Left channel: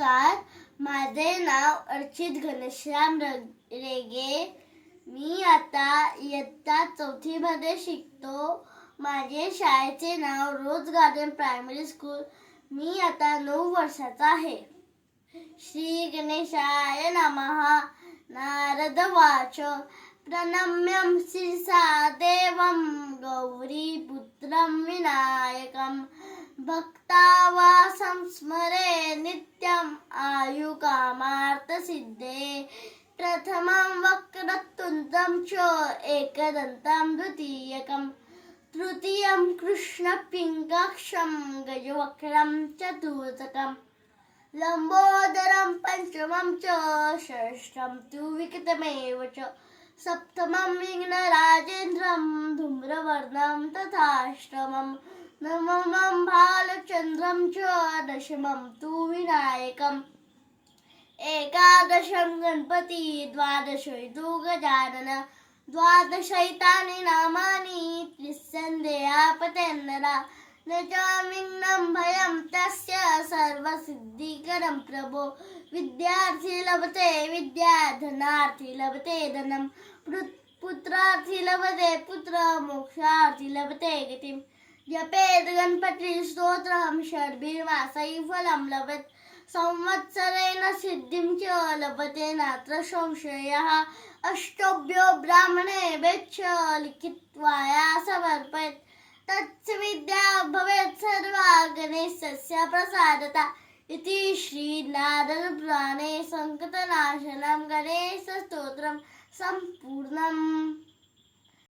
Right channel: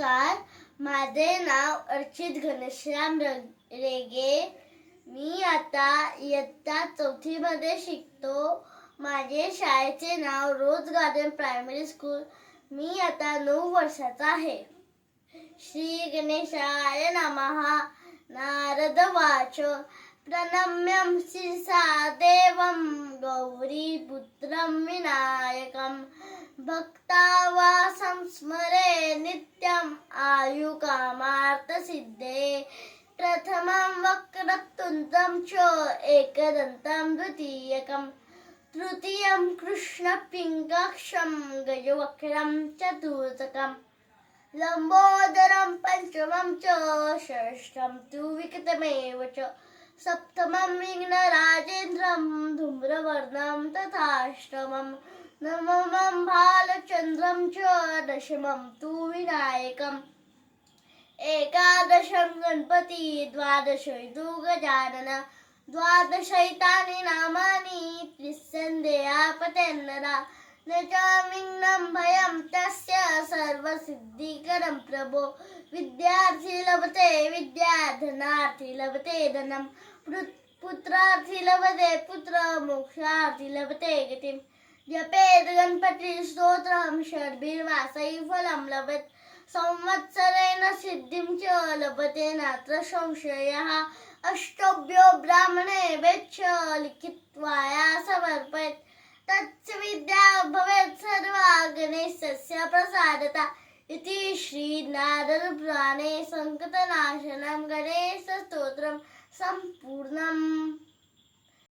नमस्कार. माझे नाव अर्चित घनश्याम रेगे. मी आता इयत्ता 4थी मध्ये शिकतो. माझे शाळेचे नाव रोज गार्डन प्रायमरी स्कूल. मी आता 9 वर्षाचा आहे. श्री गणेशाय नमः. नारद वाच प्रणम्यं शिरसा देवं गौरीपुत्रं विनायकं भक्तावासं स्मरे नित्यं आयुकामार्थसिद्धे. प्रथमं वक्रतुण्डं च एकदन्तं द्वितीयकं तृतीयं कृष्णपिङ्गक्षं गजवक्त्रं चतुर्थकं लंबोदरं पंचमं च षष्ठं तु विकटमेव च सप्तमं विघ्नराजेन्द्रं धूम्रवर्णं तथाष्टमं नवमं भालचन्द्रं च दशमं तु विनायकम् एकादशं गणपति द्वादशं तु गजानन द्वादशैतानि नामानि त्रिसन्देहापतेन्नरा न च विघ्नं भयं तस्य सर्वसिद्धिकरं प्रभो. विद्यार्थी लभते विद्या धनार्थी लभते धनं पुत्रार्थी लभते पुत्र मोक्षार्थी लभते गतिं. जपेत गणपति स्तोत्रं षड्भिर्मासैः फलं लभेत संवत्सरेण सिद्धिं च लभते नात्र संशयः. अष्टभ्यो ब्राह्मणे वेच्छ लिखित्वा समर्पयेत् तच्च विद्या भवेत् सर्वा गणेशस्य प्रसादता. इति श्री नारद पुराणे संकटनाशनं गणेश स्तोत्रं संपूर्णम्.